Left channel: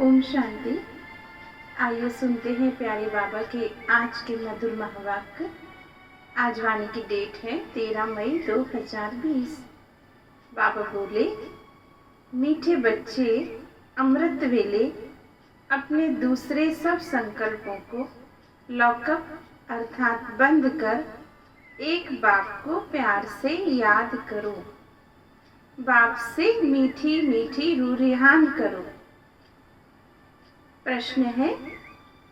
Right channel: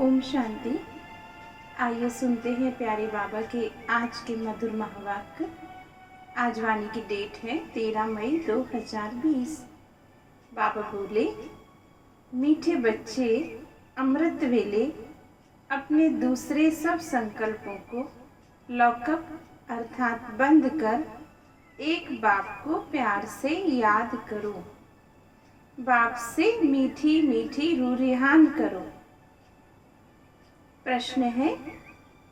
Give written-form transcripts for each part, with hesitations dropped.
ओम शांति। आइए सुनते हैं प्यारे बाबा के आज के मधुर महावाक्य। आज वाणी की डेट है 13 मई 2020। बाबा बोले, मीठे बच्चे अमृत वेले अपने दूसरे सब संकल्पों को लॉकअप अर्थात बंद कर एक बाप को प्यार से याद करो। बाप से मीठी मीठी रूरिहान करो। प्रश्न है,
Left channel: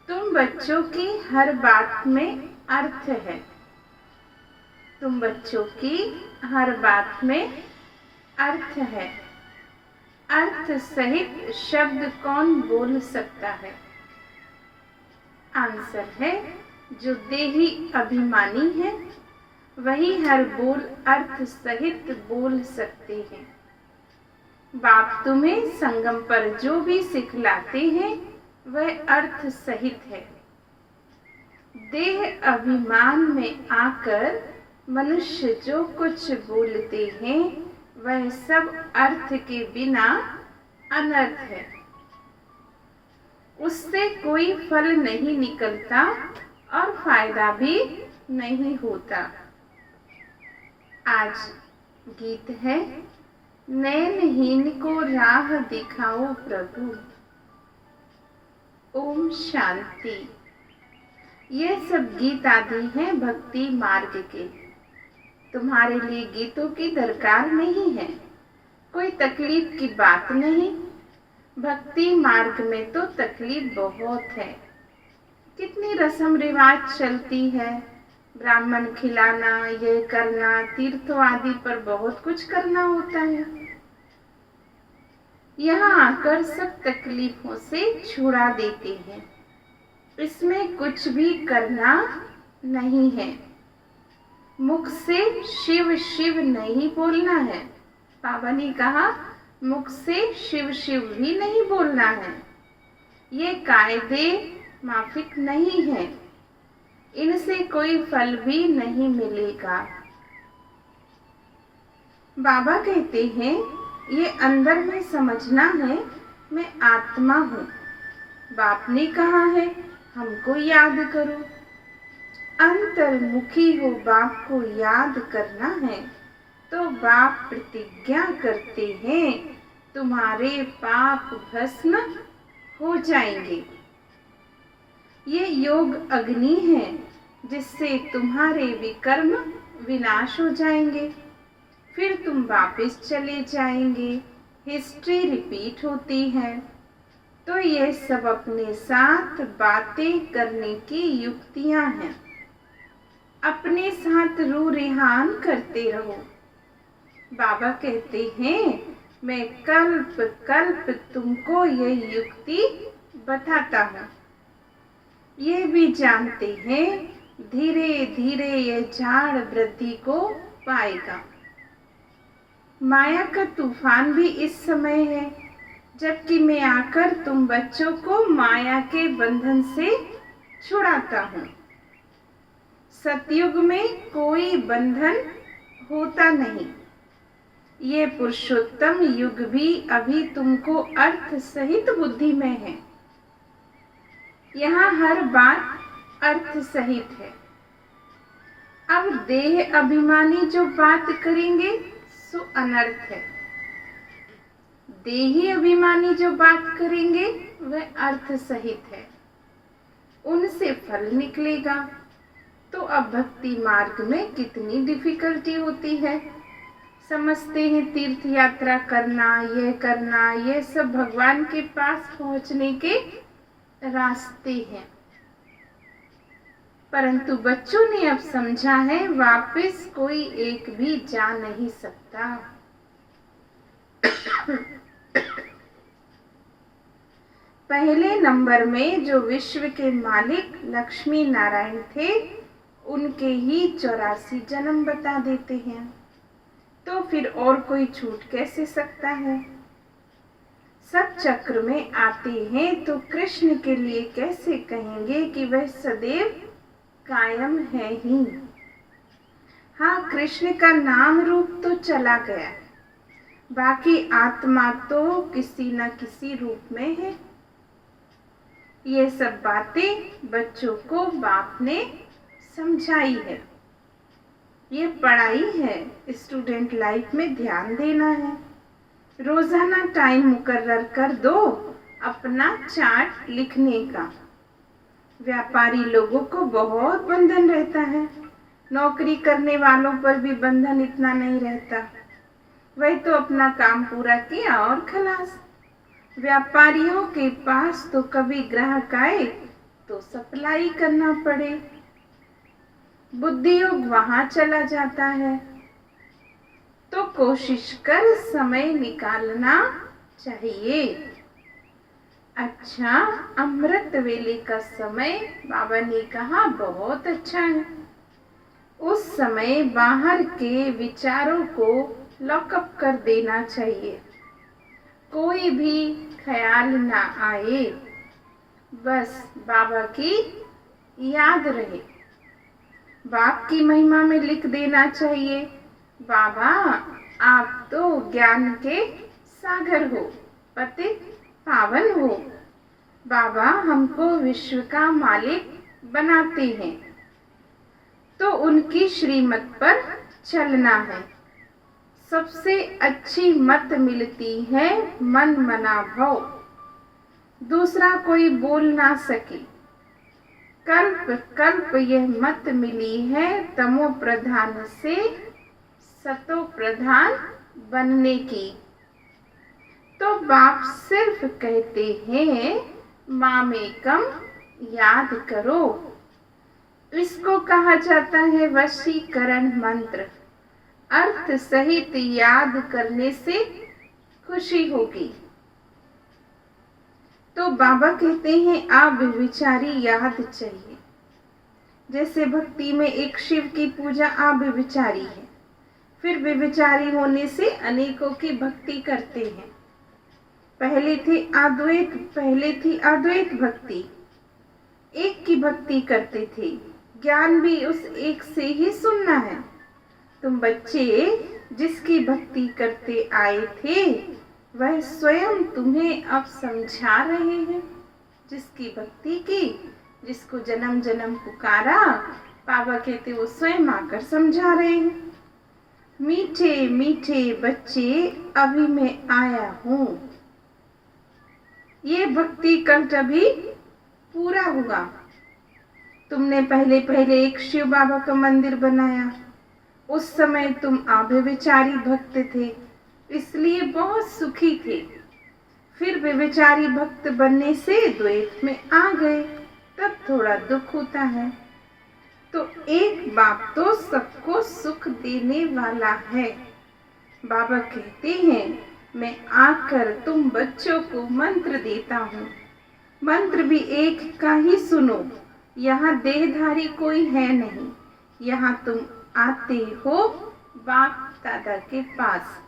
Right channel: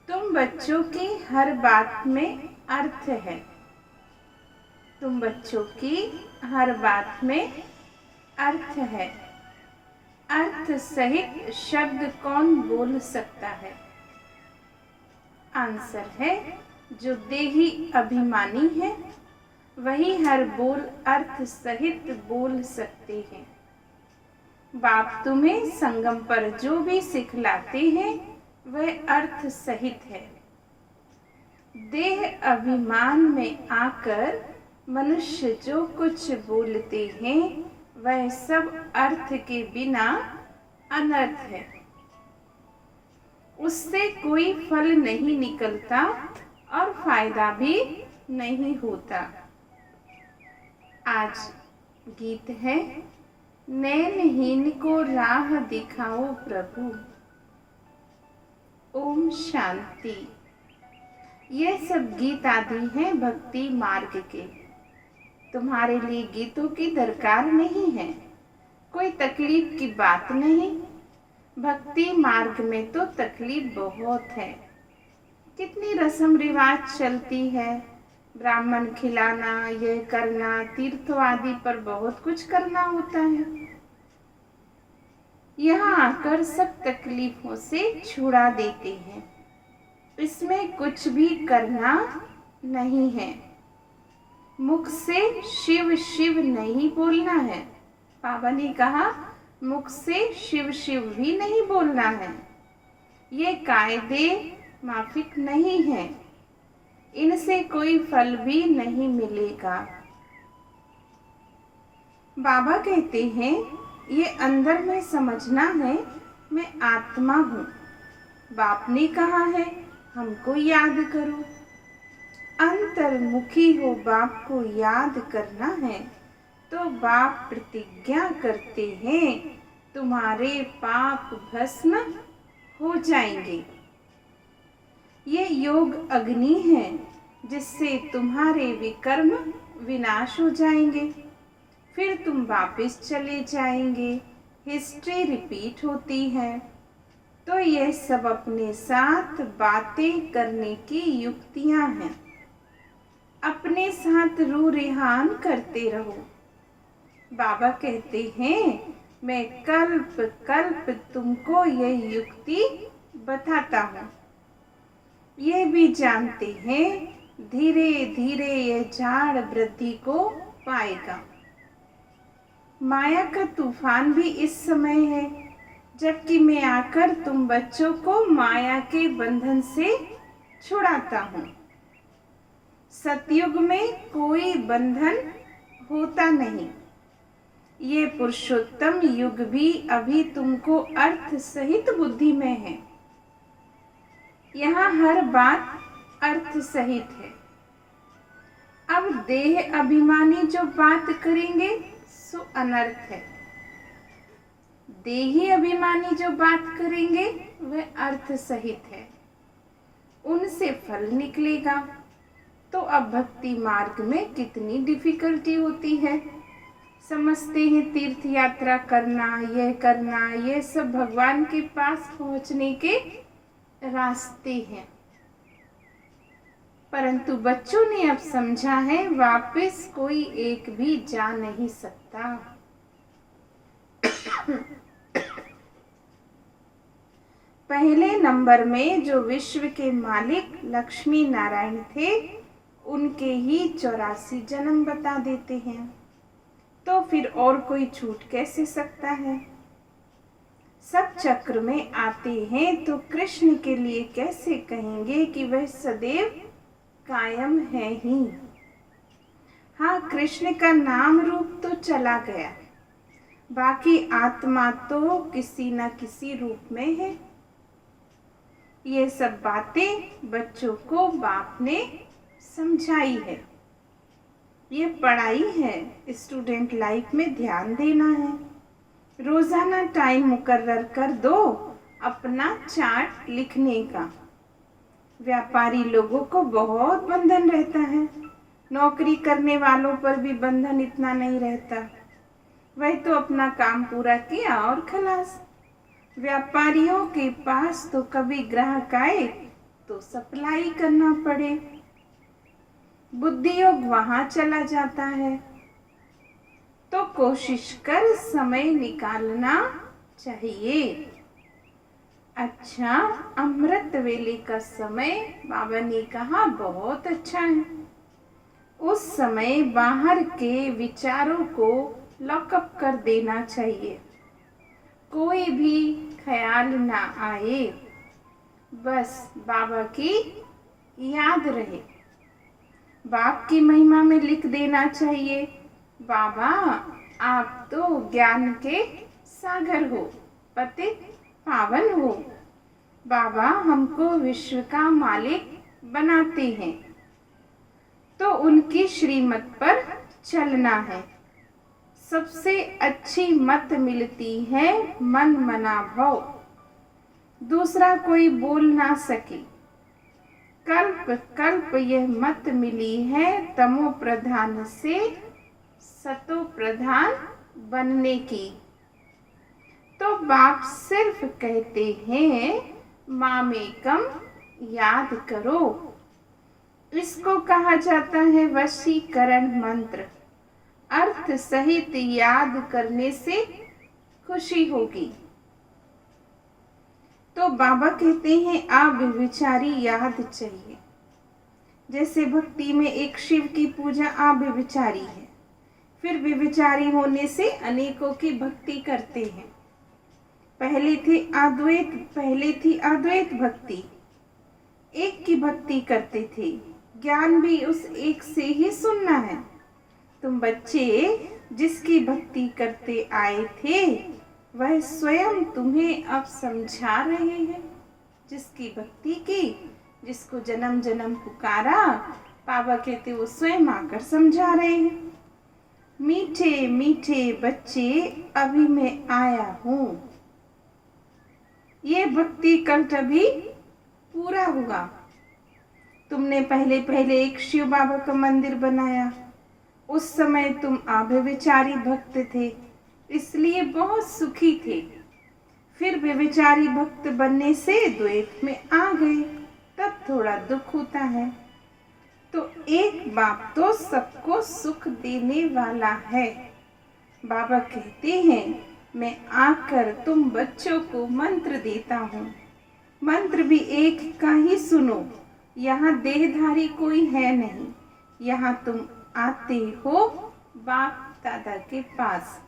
तुम बच्चों की हर बात में अर्थ है। तुम बच्चों की हर बात में अर्थ है। अर्थ सहित शब्द कौन बोल सकता है? आंसर है, जो देही अभिमानी है वही हर बोल अर्थ सहित बोल सकते हैं। बाप तुम्हें संगम पर जो भी सिखलाते हैं वह अर्थ सहित है। देह अभिमान में आकर मनुष्य जो कुछ बोलते हैं वह सब अर्थ के बिना अनर्थ है। उससे कोई फल नहीं निकलता और फायदा भी नहीं होता। आज गीत है, नैनहीन को राह दिखाओ प्रभु। ओम शांति। ये सब गीत आदि हैं भक्ति मार्ग के। तुम्हारे लिए गीतों की दरकार नहीं है, कोई तकलीफ की बात नहीं। भक्ति मार्ग में तो तकलीफ बहुत है। कितनी रस्म रिवाज चलती है, ब्राह्मण खिलाना, यह करना, तीर्थों आदि पर बहुत कुछ करना होता है। यहाँ आकर सब तकलीफों से छुड़ा देते हैं। इसमें कुछ भी करना नहीं है। मुख से शिव शिव नहीं बोलना है। बाबा ने कहा, मुख से शिव शिव भी नहीं बोलना है। ये कायदे माफिक नहीं है, इनसे कोई फल भी नहीं मिलेगा। बाबा कहते हैं, ये अंदर में समझना है मैं आत्मा हूँ। बाप ने कहा है हमको याद करो। अंतर्मुखी हो बाप को याद करना है तो बाप प्रतिज्ञा करते हैं तुम्हारे पाप भस्म हो जाएंगे। ये योग अग्नि है जिससे तुम्हारे विकर्म विनाश हो जाएंगे। फिर तुम वापस चले जाएंगे। हिस्ट्री रिपीट होती है। तो ये सब अपने साथ बातें करने की युक्तियां हैं। अपने साथ रूरिहान करते रहो। बाबा कहते हैं, मैं कल्प कल्प तुमको ये युक्ति बताता हूँ। ये भी जानते हैं धीरे धीरे ये झाड़ वृद्धि को पाएगा। माया का तूफान भी इस समय है, जबकि मैं आकर तुम बच्चों को माया के बंधन से छुड़ाता हूँ। सतयुग में कोई बंधन होता नहीं। ये पुरुषोत्तम युग भी अभी तुमको अर्थ सहित बुद्धि में है। यहाँ हर बात अर्थ सहित है। अब देह अभिमानी जो बात करेंगे सो अनर्थ है। देही अभिमानी जो बात करेंगे वह अर्थ सहित है। उनसे फल निकलेगा। तो अब भक्ति मार्ग में कितनी डिफिकल्टी होती है। समझते हैं तीर्थ यात्रा करना, यह सब भगवान के पास पहुंचने के रास्ते हैं। परंतु बच्चों ने अब समझा है वापस कोई एक भी जा नहीं सकता। पहले नंबर में जो विश्व के मालिक लक्ष्मी नारायण थे, उनके ही 84 जन्म बता देते हैं। तो फिर और कोई छूट कैसे सकता है? सब चक्र में आते हैं तो कृष्ण के लिए कैसे कहेंगे कि वह सदैव कायम है ही। हाँ, कृष्ण का नाम रूप तो चला गया, बाकी आत्मा तो किसी न किसी रूप में है। ये सब बातें बच्चों को बाप ने समझाई है। ये पढ़ाई है, स्टूडेंट लाइफ में ध्यान देना है। रोजाना टाइम मुकर्रर कर दो अपना चार्ट लिखने का। व्यापारी लोगों को बहुत बंधन रहता है, नौकरी करने वालों पर भी बंधन इतना नहीं रहता। वही तो अपना काम पूरा किया और खलास। व्यापारियों के पास तो कभी ग्राहक आए तो सप्लाई करना पड़े, बुद्धि योग वहां चला जाता है। तो कोशिश कर समय निकालना चाहिए। अच्छा, अमृत वेले का समय बाबा ने कहा बहुत अच्छा है। उस समय बाहर के विचारों को लॉकअप कर देना चाहिए, कोई भी ख्याल ना आए, बस बाबा की याद रहे। बाप की महिमा में लिख देना चाहिए, बाबा आप तो ज्ञान के सागर हो, पतित पावन हो। बाबा हमको विश्व का मालिक बनाते हैं, तो उनकी श्रीमत पर चलना है। सबसे अच्छी मत मिलती है मन मना भव, दूसरा कोई बोल ना सके। कल्प कल्प यह मत मिली है तमो प्रधान से सतो प्रधान बनने की। तो बाप सिर्फ कहते हैं मामेकम याद करो। इसको कहा जाता है वशीकरण मंत्र। अर्थ सहित याद करने से खुशी होगी। तो बाबा कहते हैं आप विचारी याद चाहिए। जैसे भक्ति में एक शिव की पूजा आप विचारी है, फिर विचारी होने से अनेकों की भक्ति करते हैं। पहले थी अद्वैत भक्ति, एक की भक्ति करते थे। ज्ञान भी उस एक से ही सुनना है। तुम बच्चे जिसकी भक्ति करते आए थे वह स्वयं तुम्हें अब समझा रहे हैं। जिसकी भक्ति की, जिसको जन्म जन्म पुकारा, बाबा कहते वो स्वयं आकर समझा रहे हैं। मीठे मीठे बच्चे अभी मैं आया हूँ। ये भक्ति कल तभी पूरा हुआ। तुमने पहले पहले एक शिव बाबा का मंदिर बनाया, उस समय तुम अव्यभिचारी भक्त थे, इसलिए बहुत सुखी थे। फिर व्यभिचारी भक्त बनने से द्वैत में आ गए, तब थोड़ा दुख होता है। तो एक बाप तो सबको सुख देने वाला है। बाबा कहते हैं मैं आकर तुम बच्चों को मंत्र देता हूँ। मंत्र भी एक का ही सुनो। यहाँ देहधारी कोई है नहीं, यहाँ तुम आते हो बाप दादा के पास।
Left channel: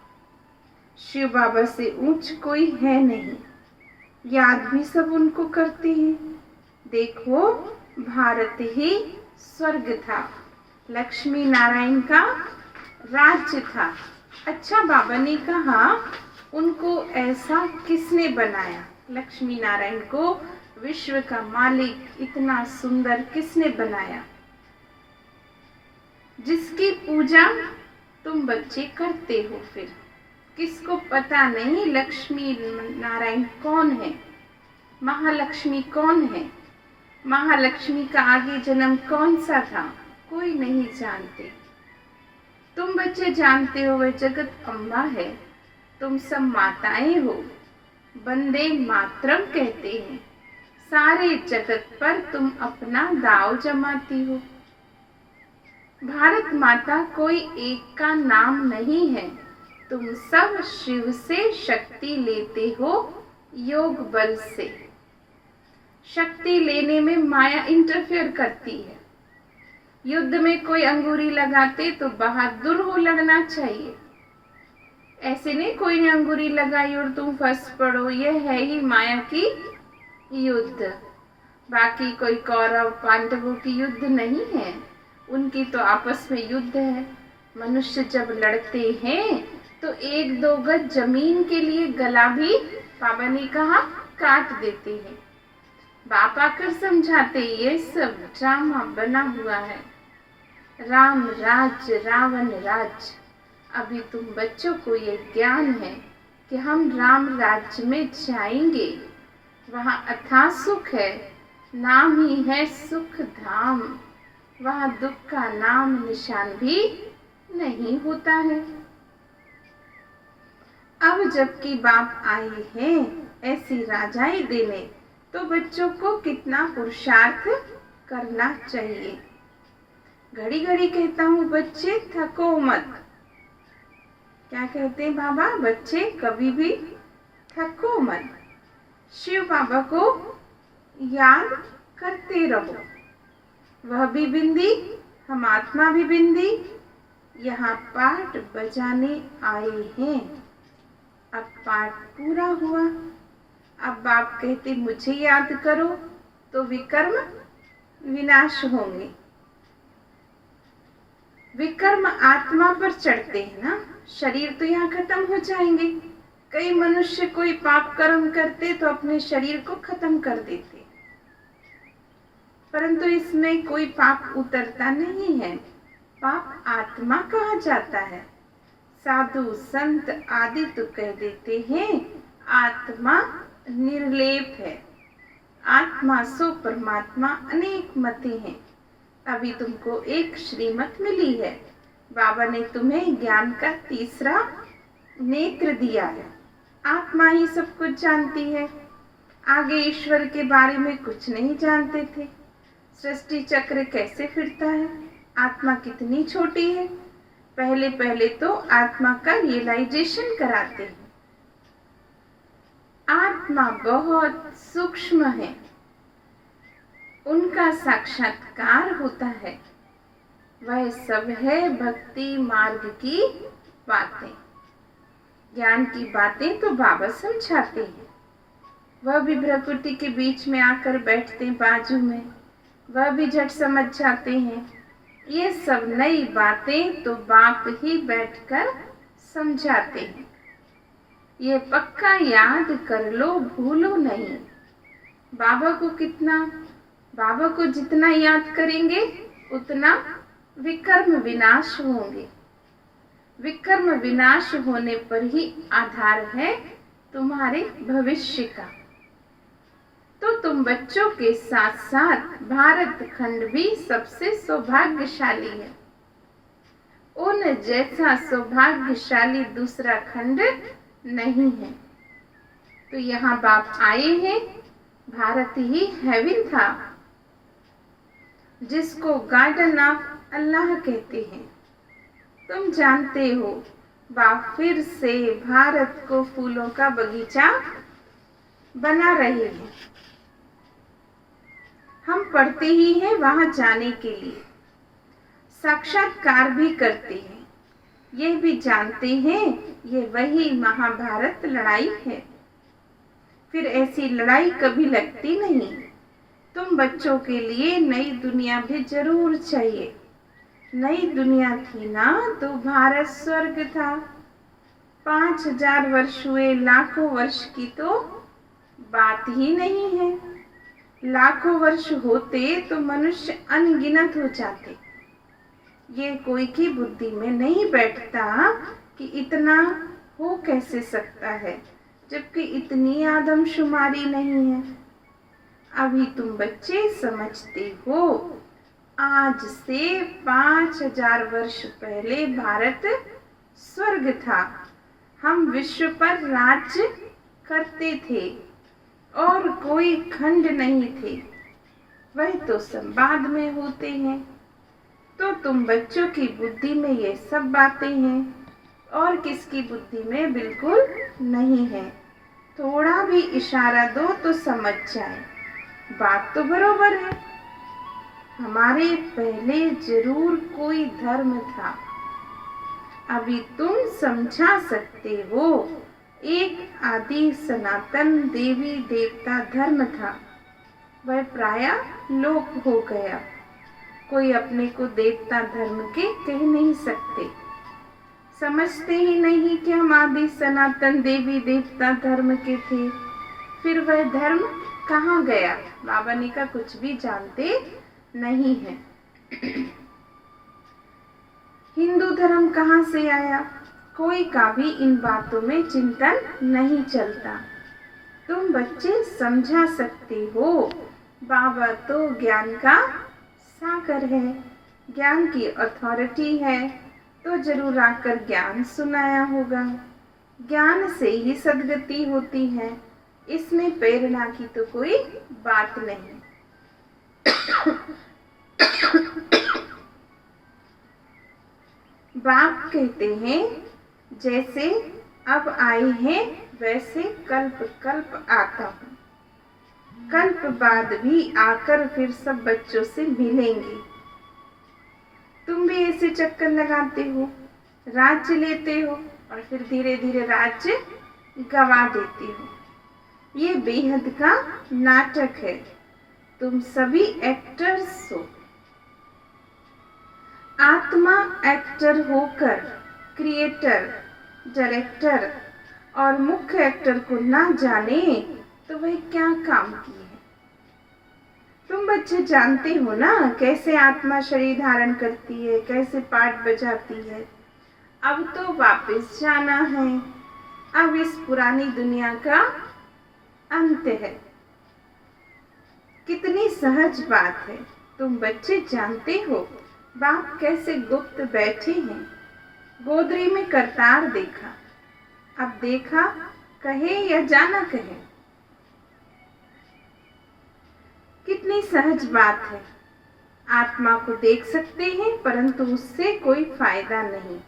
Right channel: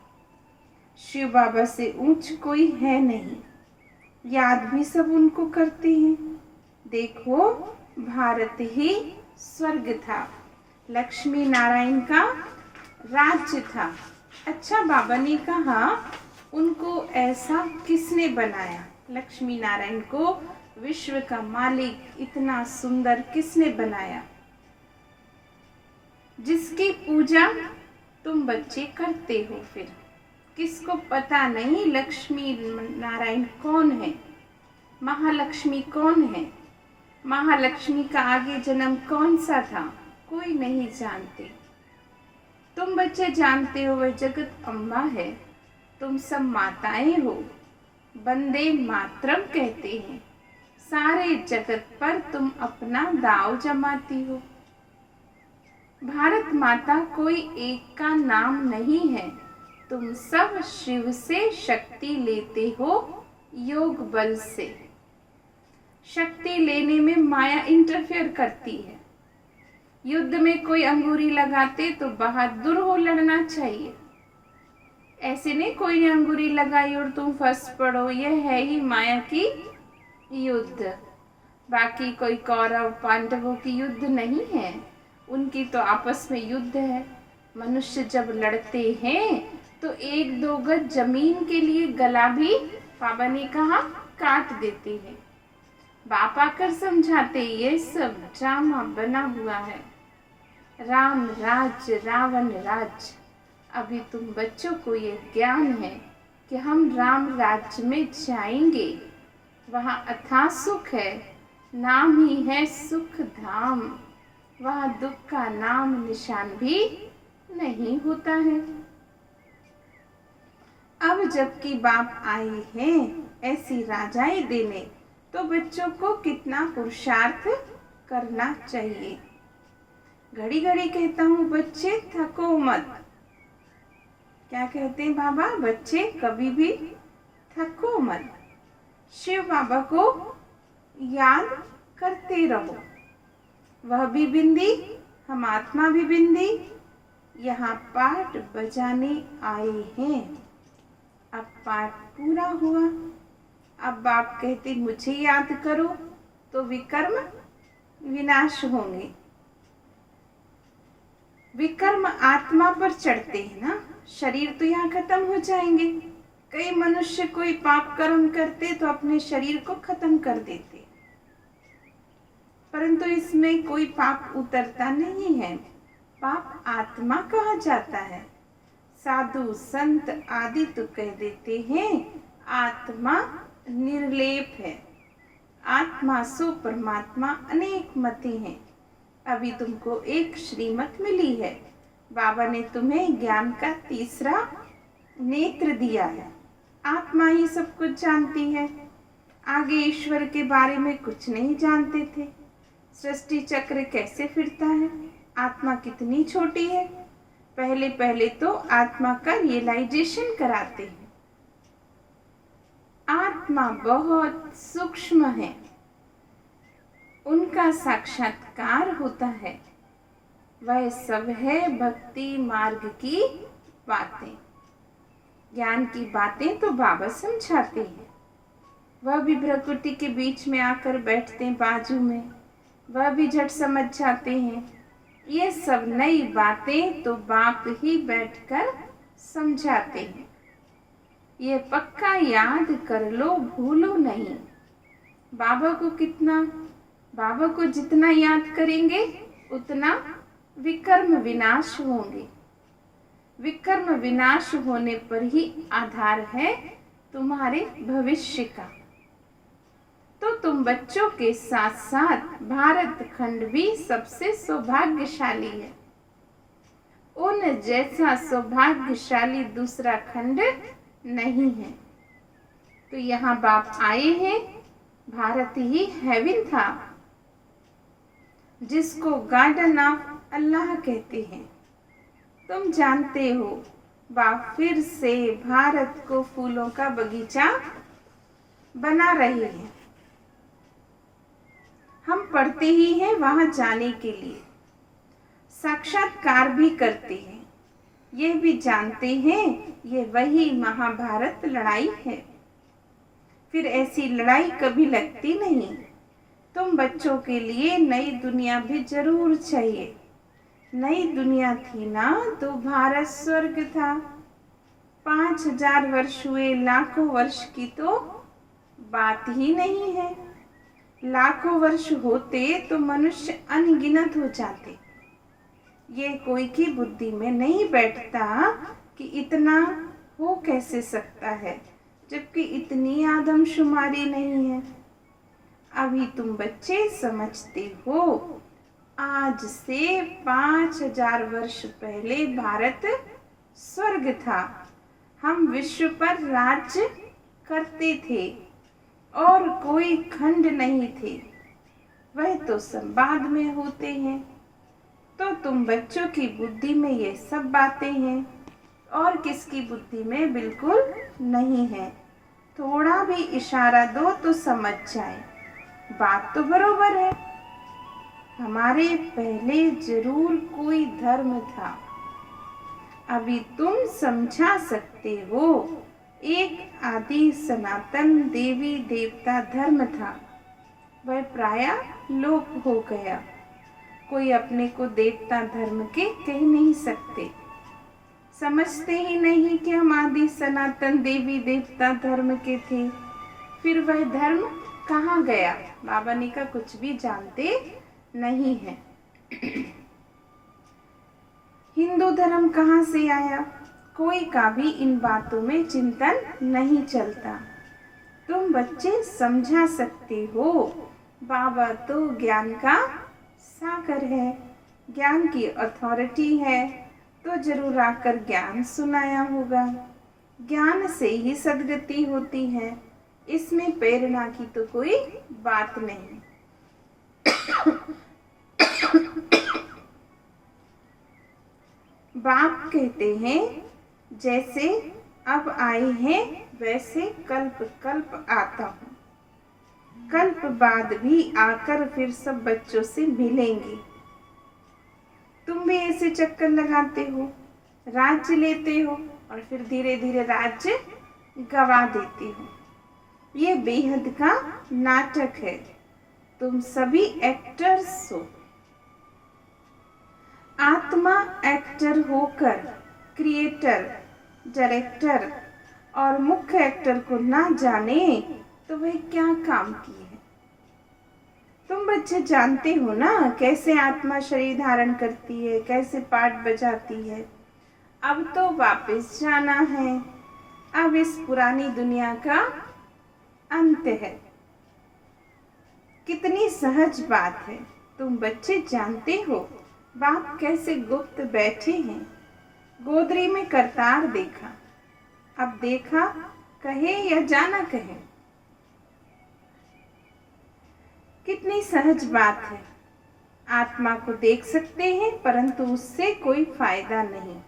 शिव बाबा से ऊंच कोई है नहीं, याद भी सब उनको करते हैं। देखो भारत ही स्वर्ग था, लक्ष्मी नारायण का राज्य था। अच्छा, बाबा ने कहा उनको ऐसा किसने बनाया? लक्ष्मी नारायण को विश्व का मालिक इतना सुंदर किसने बनाया? जिसकी पूजा तुम बच्चे करते हो। फिर किसको पता नहीं लक्ष्मी नारायण कौन है, महालक्ष्मी कौन है, महालक्ष्मी का आगे जन्म कौन सा था, कोई नहीं जानते। तुम बच्चे जानते हो वह जगत अम्बा है, तुम सब माताएं हो। वंदे मातरम कहते हैं, सारे जगत पर तुम अपना दाव जमाती हो। भारत माता कोई एक का नाम नहीं है, तुम सब शिव से शक्ति लेते हो, योग बल से। शक्ति लेने में माया इंटरफेयर करती है। युद्ध में कोई अंगूरी लगाते तो बहादुर हो लड़ना चाहिए। ऐसे नहीं कोई ने अंगूरी लगाई और तुम फंस पड़ो, यह है ही माया की युद्ध। बाकी कोई कौरव पांडवों की युद्ध नहीं है, उनकी तो आपस में युद्ध है। मनुष्य जब लड़ते हैं तो एक दो गज जमीन के लिए गला भी बाबा ने कहा काट देते हैं। बाप आकर समझाते ये सब ड्रामा बना हुआ है, राम राज्य रावण राज्य। अभी तुम बच्चों को ये ज्ञान है कि हम राम राज्य में जाएंगे, वहाँ अथाह सुख है, नाम ही है सुख धाम, वहाँ दुख का नाम निशान भी नहीं होता है। अब जबकि बाप आए हैं ऐसी राजाई देने, तो बच्चों को कितना पुरुषार्थ करना चाहिए। घड़ी घड़ी कहता हूँ बच्चे थको मत। क्या कहते हैं बाबा? बच्चे कभी भी थको मत, शिव बाबा को याद करते रहो। वह भी बिंदी, हम आत्मा भी बिंदी, यहाँ पाठ बजाने आए हैं। अब पाठ पूरा हुआ। अब बाप कहते मुझे याद करो, तो विकर्म विनाश होंगे। विकर्म आत्मा पर चढ़ते हैं ना, शरीर तो यहाँ खत्म हो जाएंगे। कई मनुष्य कोई पाप कर्म करते तो अपने शरीर को खत्म कर देते, परंतु इसमें कोई पाप उतरता नहीं है। पाप आत्मा कहा जाता है। साधु संत आदि तो कह देते हैं आत्मा निर्लेप है, आत्मा सो परमात्मा अनेक मते हैं। अभी तुमको एक श्रीमत मिली है, बाबा ने तुम्हें ज्ञान का तीसरा नेत्र दिया है। आत्मा ही सब कुछ जानती है, आगे ईश्वर के बारे में कुछ नहीं जानते थे। सृष्टि चक्र कैसे फिरता है, आत्मा कितनी छोटी है, पहले पहले तो आत्मा का रियलाइजेशन कराते हैं। आत्मा बहुत सूक्ष्म है, उनका साक्षात्कार होता है। वह सब है भक्ति मार्ग की बातें, ज्ञान की बातें तो बाबा समझाते हैं। वह भी भ्रकुटी के बीच में आकर बैठते हैं बाजू में, वह भी झट समझ जाते हैं। ये सब नई बातें तो बाप ही बैठकर समझाते हैं। ये पक्का याद कर लो, भूलो नहीं। बाबा को जितना याद करेंगे उतना विकर्म विनाश होंगे। विकर्म विनाश होने पर ही आधार है तुम्हारे भविष्य का। तो तुम बच्चों के साथ साथ भारत खंड भी सबसे सौभाग्यशाली है। उन जैसा सौभाग्यशाली दूसरा खंड नहीं है। तो यहाँ बाप आए हैं, भारत ही हेवन था, जिसको गार्डन ऑफ अल्लाह कहते हैं। तुम जानते हो बाप फिर से भारत को फूलों का बगीचा बना रहे हैं। हम पढ़ते ही हैं वहां जाने के लिए, साक्षात्कार भी करते हैं, ये भी जानते हैं ये वही महाभारत लड़ाई है। फिर ऐसी लड़ाई कभी लगती नहीं। तुम बच्चों के लिए नई दुनिया भी जरूर चाहिए। नई दुनिया थी ना तो भारत स्वर्ग था। 5000 वर्ष हुए, लाखों वर्ष की तो बात ही नहीं है। लाखों वर्ष होते तो मनुष्य अनगिनत हो जाते। ये कोई की बुद्धि में नहीं बैठता कि इतना हो कैसे सकता है, जबकि इतनी आदमशुमारी नहीं है। अभी तुम बच्चे समझते हो, आज से 5000 वर्ष पहले भारत स्वर्ग था। हम विश्व पर राज्य करते थे और कोई खंड नहीं थे। वह तो संवाद में होते हैं। तो तुम बच्चों की बुद्धि में ये सब बातें हैं और किसकी बुद्धि में बिल्कुल नहीं है। थोड़ा भी इशारा दो तो समझ जाए। बात तो बरोबर है। हमारे पहले जरूर कोई धर्म था, अभी तुम समझा सकते हो। एक आदि सनातन देवी देवता धर्म था, वह प्रायः लोप हो गया। कोई अपने को देवता धर्म के कह नहीं सकते। समझते ही नहीं कि हम आदि सनातन देवी देवता धर्म के थे। फिर वह धर्म कहाँ गया? बाबा ने कहा कुछ भी जानते नहीं है। हिंदू धर्म कहाँ से आया? कोई का भी इन बातों में चिंतन नहीं चलता। तुम बच्चे समझा सकते हो, बाबा तो ज्ञान का सागर है, ज्ञान की अथॉरिटी है, तो जरूर आकर ज्ञान सुनाया होगा। ज्ञान से ही सद्गति होती है, इसमें प्रेरणा की तो कोई बात नहीं। बाप कहते हैं जैसे अब आए हैं वैसे कल्प कल्प आता हूँ, कल्प बाद भी आकर फिर सब बच्चों से मिलेंगे। तुम भी ऐसे चक्कर लगाते हो, राज्य लेते हो और फिर धीरे धीरे राज्य गवा देते हो। ये बेहद का नाटक है, तुम सभी एक्टर्स हो। आत्मा एक्टर होकर क्रिएटर, डायरेक्टर और मुख्य एक्टर को ना जाने तो वह क्या काम की है। तुम बच्चे जानते हो ना कैसे आत्मा शरीर धारण करती है, कैसे पाठ बजाती है। अब तो वापस जाना है, अब इस पुरानी दुनिया का अंत है। कितनी सहज बात है, तुम बच्चे जानते हो बाप कैसे गुप्त बैठे हैं। गोदरी में करतार देखा, अब देखा कहे या जाना कहे। कितनी सहज बात है, आत्मा को देख सकते हैं परंतु उससे कोई फायदा नहीं,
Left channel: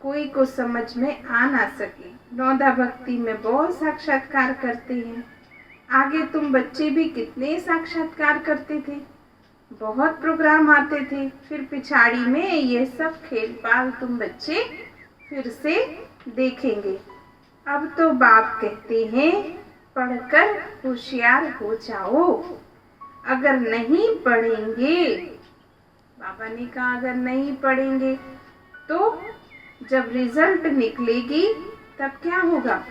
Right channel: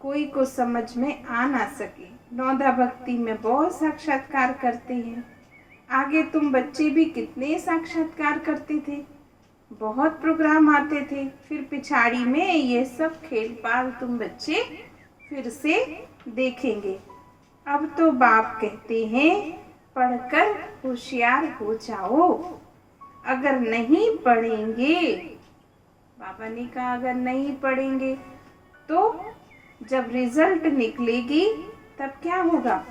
कोई को समझ में आ ना सके। नौदा भक्ति में बहुत साक्षात्कार करते हैं। आगे तुम बच्चे भी कितने साक्षात्कार करते थे, बहुत प्रोग्राम आते थे, फिर पिछाड़ी में ये सब खेल पाल तुम बच्चे फिर से देखेंगे। अब तो बाप कहते हैं पढ़कर होशियार हो जाओ। अगर नहीं पढ़ेंगे, बाबा ने कहा अगर नहीं पढ़ेंगे तो जब रिजल्ट निकलेगी तब क्या होगा?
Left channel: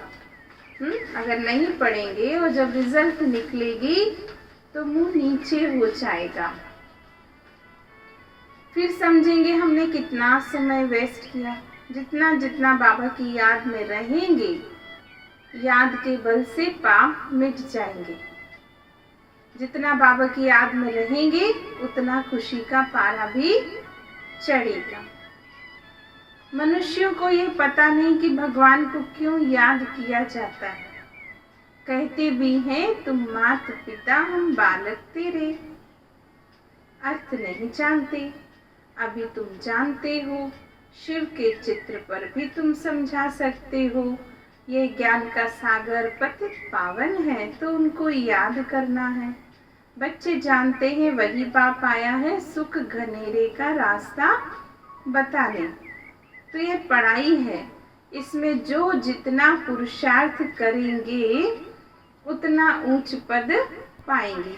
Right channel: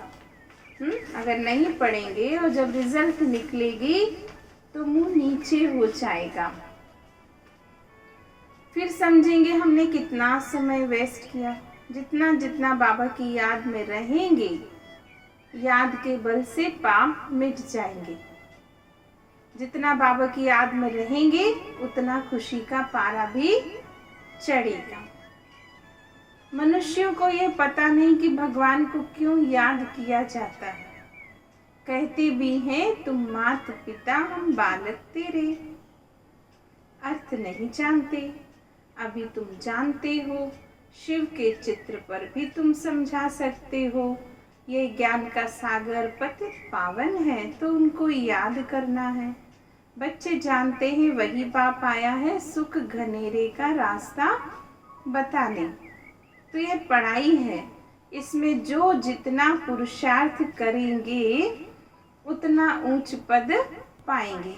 अगर नहीं पढ़ेंगे और जब रिजल्ट निकलेगी तो मुंह नीचे हो जाएगा। फिर समझेंगे हमने कितना समय वेस्ट किया। जितना जितना बाबा की याद में रहेंगे, याद के बल से पाप मिट जाएंगे। जितना बाबा की याद में रहेंगे उतना खुशी का पारा भी चढ़ेगा। मनुष्यों को यह पता नहीं कि भगवान को क्यों याद किया जाता है। कहते भी हैं तुम माता पिता हम बालक तेरे, अर्थ नहीं जानते। अभी तुम जानते हो, शिव के चित्र पर भी तुम समझा सकते हो। ये ज्ञान का सागर पतित पावन है तो उनको याद करना है। बच्चे जानते हैं वही बाप आया है सुख घनेरे का रास्ता बताने। तो ये पढ़ाई है, इसमें जो जितना पुरुषार्थ करेंगे उतना ऊंच पद पाएंगे।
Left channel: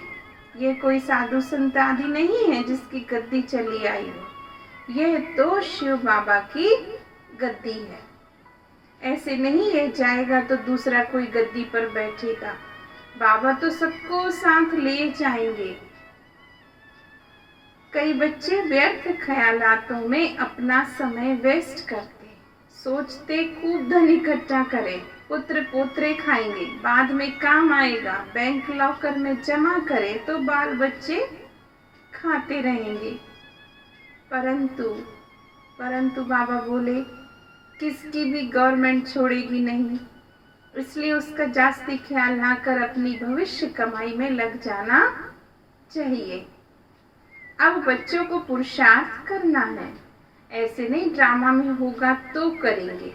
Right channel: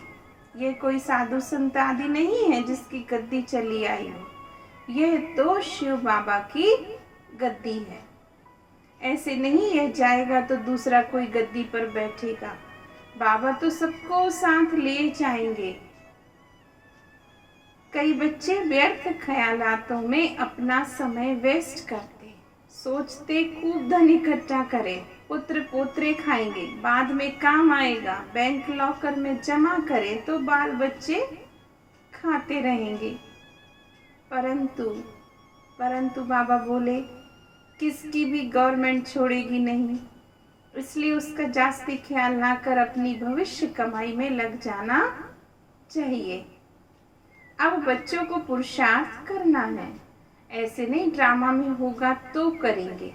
ये कोई साधु संत आदि नहीं है जिसकी गद्दी चली आई हो, यह तो शिव बाबा की गद्दी है। ऐसे नहीं है जाएगा तो दूसरा कोई गद्दी पर बैठेगा, बाबा तो सबको साथ ले जाएंगे। कई बच्चे व्यर्थ ख्यालातों में अपना समय वेस्ट करते, सोचते खूब धन इकट्ठा करें, पुत्र पोत्रे खाएंगे, बाद में काम आएगा, बैंक लॉकर में जमा करें तो बाल बच्चे खाते रहेंगे। परंतु बाबा बोले किसकी भी गवर्नमेंट छोड़ेगी नहीं, इसलिए उसका जास्ती ख्याल ना कर अपनी भविष्य कमाई में लग जाना चाहिए। अब बच्चों को पुरुषार्थ करना है, ऐसे नहीं ड्रामा में होगा तो करेंगे।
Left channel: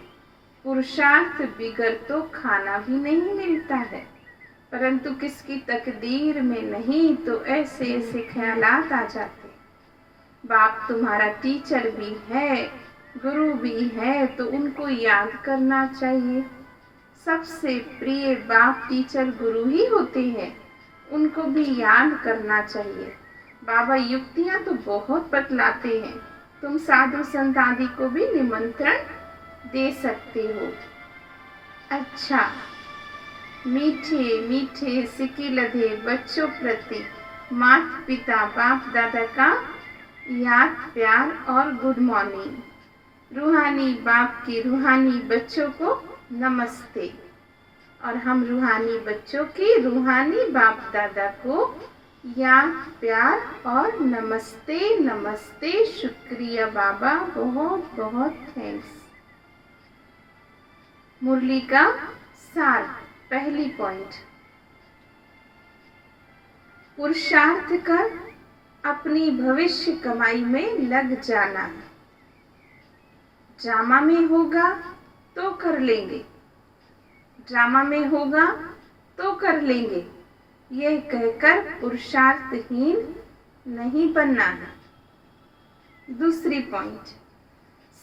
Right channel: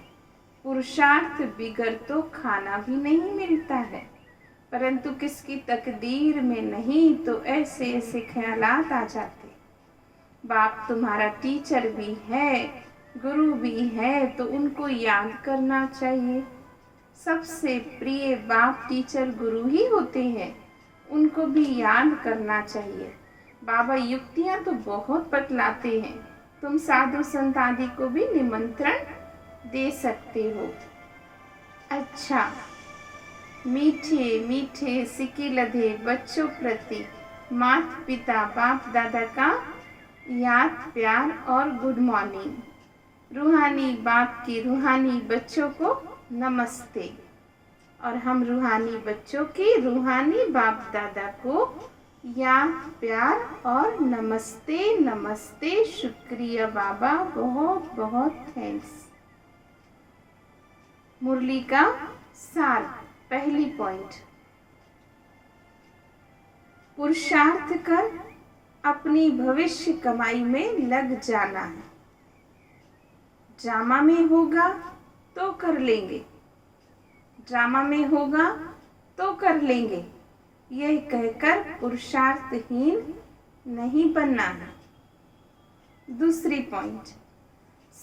पुरुषार्थ बिगर तो खाना भी नहीं मिलता है, परंतु किसकी तकदीर में नहीं तो ऐसे ऐसे ख्यालात आ जाते। बाप तुम्हारा टीचर भी है, गुरु भी है, तो उनको याद करना चाहिए। सबसे प्रिय बाप टीचर गुरु ही होते हैं, उनको भी याद करना चाहिए। बाबा युक्तियां तो बहुत बतलाते हैं, तुम साधु संत आदि को भी निमंत्रण दे सकते हो। अच्छा, मीठे मीठे सिक्के लधे बच्चों प्रति माता पिता बाप दादा का याद प्यार और गुड मॉर्निंग। रूहानी बाप की रूहानी बच्चों को नमस्ते। और हम रूहानी बच्चों की रूहानी बाप दादा को याद प्यार और नमस्ते नमस्ते, शुक्रिया बाबा, बहुत बहुत थैंक्स। मुरली का सार, पहली पॉइंट, पुरुषार्थ कर अपनी भविष्य कमाई में लग जाना है। ड्रामा में होगा तो कर लेंगे, ड्रामा में होगा तो कर लेंगे, यह कहकर पुरुषार्थहीन नहीं बनना है। दूसरी पॉइंट,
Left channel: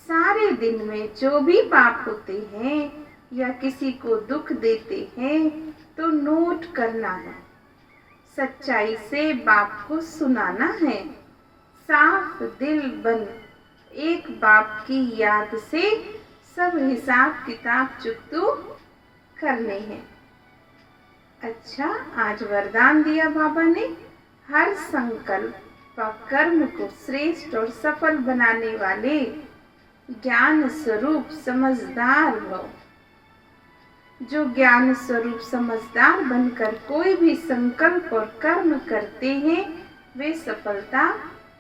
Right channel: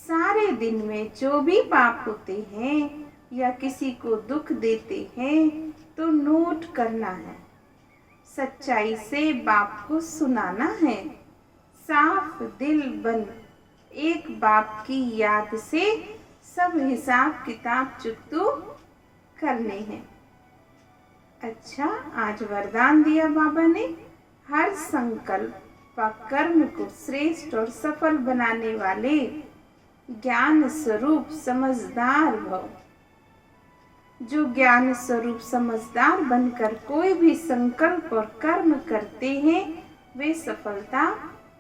सारे दिन में जो भी पाप होते हैं या किसी को दुख देते हैं तो नोट करना है, सच्चाई से बाप को सुनाना है। साफ दिल बन एक बाप की याद से सब हिसाब किताब चुकतू करने हैं। अच्छा, आज वरदान दिया बाबा ने, हर संकल्प व कर्म को श्रेष्ठ और सफल बनाने वाले ज्ञान स्वरूप समझदार भव। जो ज्ञान स्वरूप समझदार बनकर कोई भी संकल्प और कर्म करते हैं वे सफलता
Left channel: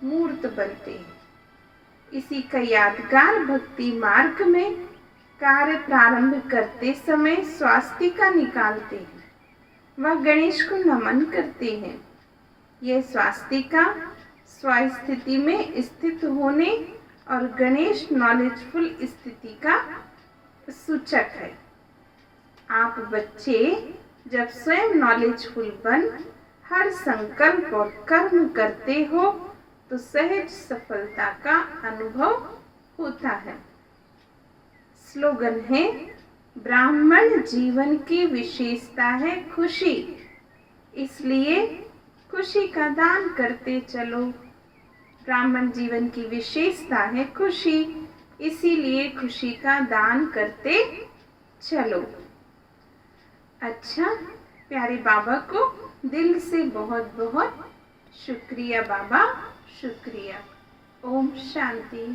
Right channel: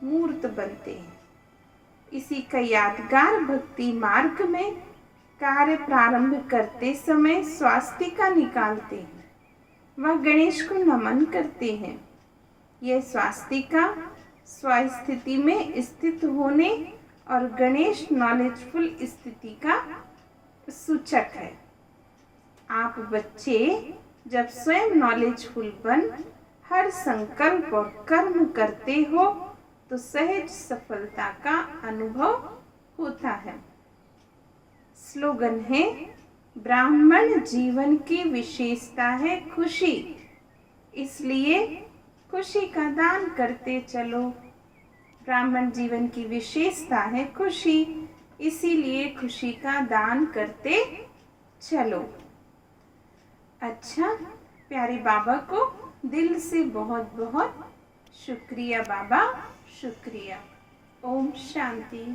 मूर्त बनते हैं। इसी का यादगार भक्ति मार्ग में कार्य प्रारंभ करते समय स्वास्तिका निकालते हैं वह गणेश को नमन करते हैं। यह स्वास्तिका स्वस्थिति में स्थित होने और गणेश नॉलेजफुल स्थिति का सूचक है। आप बच्चे जब स्वयं नॉलेजफुल बन हर संकल्प और कर्म करते हो तो सहज सफलता का अनुभव होता है। स्लोगन है, ब्राह्मण जीवन की विशेषता है खुशी, इसलिए खुशी का दान करते चलो। ब्राह्मण जीवन की विशेषता है खुशी, इसीलिए खुशी का दान करते चलो। अच्छा, प्यारे बाबा को दिल से बहुत बहुत शुक्रिया बाबा, शुक्रिया। ओम शांति।